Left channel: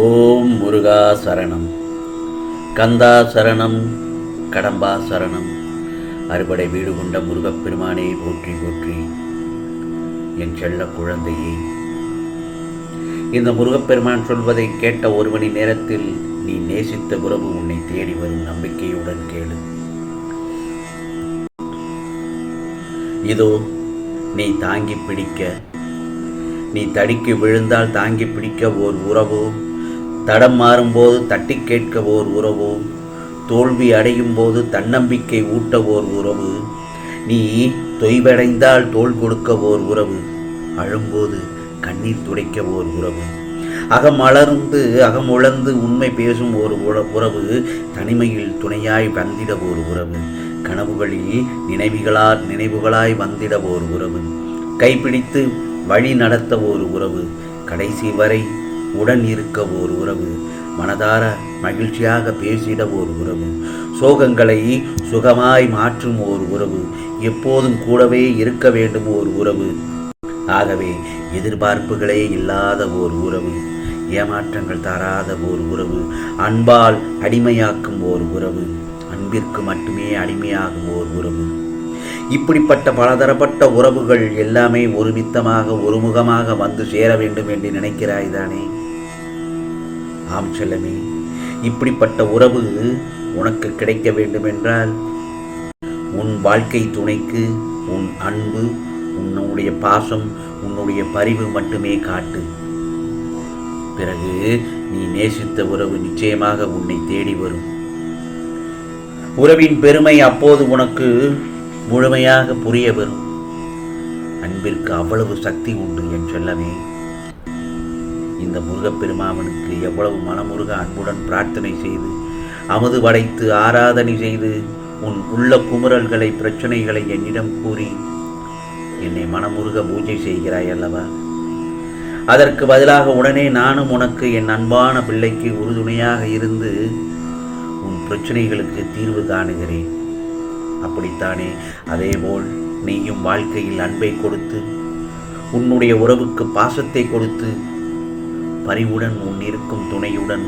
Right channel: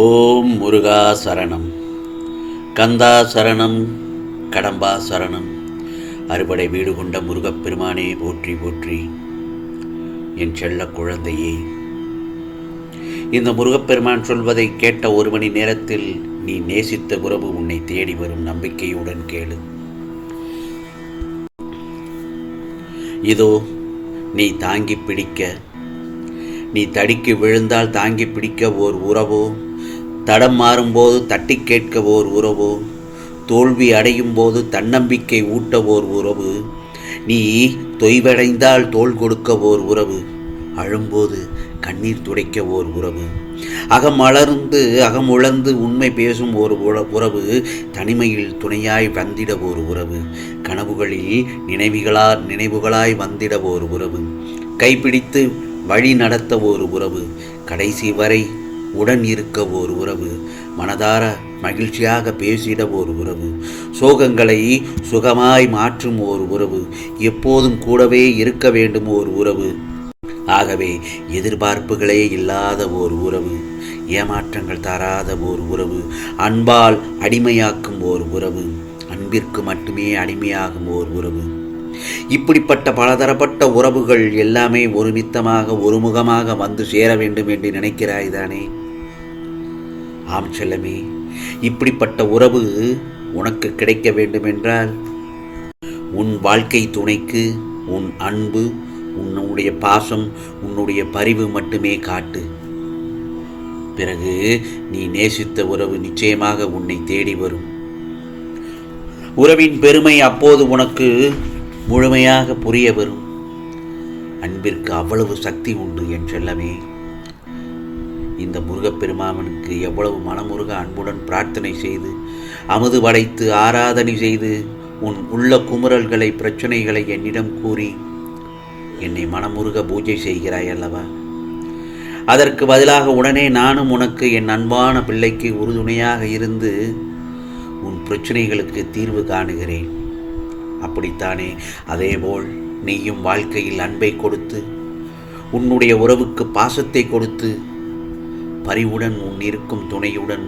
ஓம் முருகா சரணம், கந்தா சரணம், கடம்பா சரணம். அறுபடை வீடு கொண்ட முருகப்பெருமானே போற்றி போற்றி. என் செல்ல குழந்தையே, இந்த முருகப்பெருமான் சொல்வதை கேட்ட ஒரு மணி நேரத்தில் நீ நேசித்த உறவு உன்னை தேடி வரும் நம்பிக்கையுடன் கேளு. இதோ நீ தாங்கி பிடிக்க, நீ தடிக்கு விழுந்தால் தாங்கி பிடிக்க ஓர் உறவோ, தடம் மாறும்போது தட்டி கேட்க ஓர் உறவோ, தோல்வி அடையும் போது தன்னம்பிக்கை ஊட்ட ஓர் உறவு, நீ தொய்வடைந்தால் தோள் கொடுக்க ஓர் உறவு, அழும்போது கண்ணீர் துடைக்க ஓர் உறவு, அகம் உழந்து உண்மை பேசும் ஒரு உறவு, தனிமையில் துணையாய் வந்திட ஓர் உறவு, கனவுகளில் நினைவுகளாய் வந்திட ஓர் உறவு, கைப்பிடித்து வழி நடத்த ஓர் உறவு, கடைசி வரை உடன் இருக்க ஓர் உறவு, மனதார மகிழ்ச்சியாக பேசிட ஓர் உறவு, சோகங்களை சுகமாய் மாற்றும் ஓர் உறவு, எப்போதும் கூடவே இருக்க வேண்டும் ஓர் உறவு. ஆகவே எதிர்பார்ப்புகளே இல்லாத ஓர் உறவு, ஏமாற்றங்கள் தராத ஓர் உறவு, அன்பால் அடிமையாக்கும் ஓர் உறவு, அன்பிற்கு மட்டுமே அடிமையாகும் ஓர் உறவு. இப்படிப்பட்ட பலதரப்பட்ட உறவுகள் எல்லாமே ஒரு நித்தமாக ஒருமுகமாக வந்து சேர வேண்டும் என்று நினைக்கிறாய்தானே? ஆம் செல்லமே, இப்படிப்பட்ட உறவு உனக்கு கிடைக்க வேண்டுமென்றால் உன் வாழ்க்கை துணைக்கு உன் அன்பு, உன்னுடைய பாசம், உன்னுடைய பரிவு மட்டுமே காட்டு. பிறகு நீ நேசித்த உறவு நிச்சயமாக உன்னை தேடி வரும். உறவின் பெருமை அப்போது உனக்கு முழுமையாக புரிய வரும். அன்பிற்கு அவ்வளவு சக்தி உண்டு என் செல்லமே. இந்த முருகப்பெருமானுக்கு எவ்வளவு மனமுருக அன்புடன் பிரார்த்தனை செய்து, அமுது படைத்து ஆராதனை செய்து, உன் உள்ள குமுறல்களை பிரச்சனைகளை என்னிடம் கூறி என்னை மனமுருக பூஜை செய்கிறாய் அல்லவா? அதற்கு பதிலாக உடனே நானும் உனக்கு என் அன்பான பிள்ளைக்கு உறுதுணையாக இருந்து உன் பிரச்சனைகளுக்கு தீர்வு காணுகிறேன். அப்படித்தானே? அதேபோல் நீயும் வாழ்க்கையில் அன்பை கொடுத்து, உன்னுடைய உறவுக்கு பாசத்தை கொடுத்து, பரிவுடன் உன் இருக்கும் துணையுடன்,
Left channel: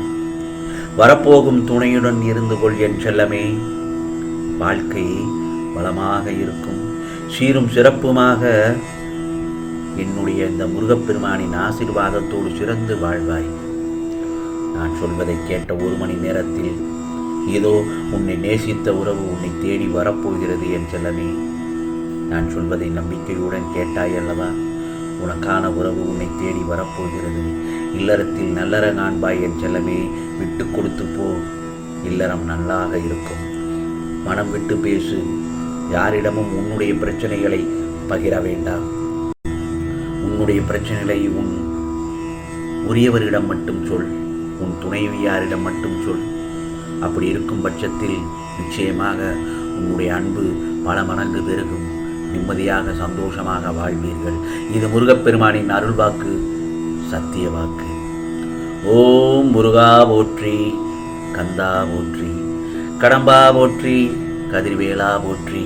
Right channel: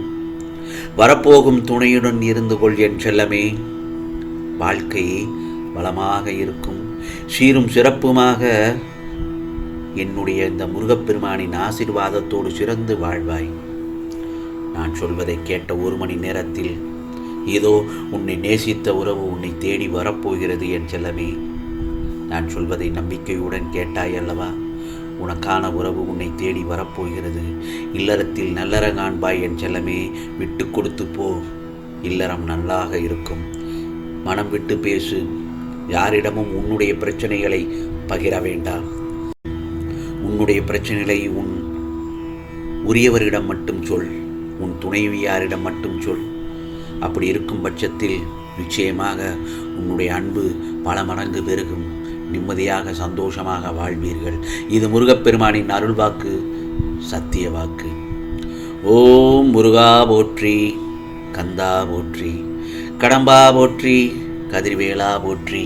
வரப்போகும் துணையுடன் இருந்து கொள் என் செல்லமே. வாழ்க்கை வளமாக இருக்கும், சீரும் சிறப்புமாக என்னுடைய இந்த முருகப்பெருமானின் ஆசீர்வாதத்தோடு சிறந்து வாழ்வாய். நான் சொல்வதை கேட்ட ஒரு மணி நேரத்தில் இதோ உன்னை நேசித்த உறவு உன்னை தேடி வரப்போகிறது என் செல்லமே. நான் சொல்வதை நம்பிக்கையுடன் கேட்டாய் அல்லவா? உனக்கான உறவு உன்னை தேடி வரப்போகிறது. இல்லறத்தில் நல்லற காண்பாய் என் செல்லமே. விட்டு கொடுத்து போ, இல்லறம் நல்லாக இருக்கும். மனம் விட்டு பேசு. யாரிடமும் உன்னுடைய பிரச்சனைகளை பகிர வேண்டாம். உன்னுடைய பிரச்சனைகளை உன் உரியவரிடம் மட்டும் சொல், உன் துணைவியாரிடம் மட்டும் சொல். அப்படி இருக்கும் பட்சத்தில் நிச்சயமாக உன்னுடைய அன்பு பல மடங்கு பெருகும். நிம்மதியாக சந்தோஷமாக வாழ்வீர்கள். இது முருகப்பெருமானின் அருள் வாக்கு, சத்திய வாக்கு. ஓம் முருகா போற்றி, கந்தா போற்றி, கடம்பா போற்றி, கதிர்வேலா போற்றி.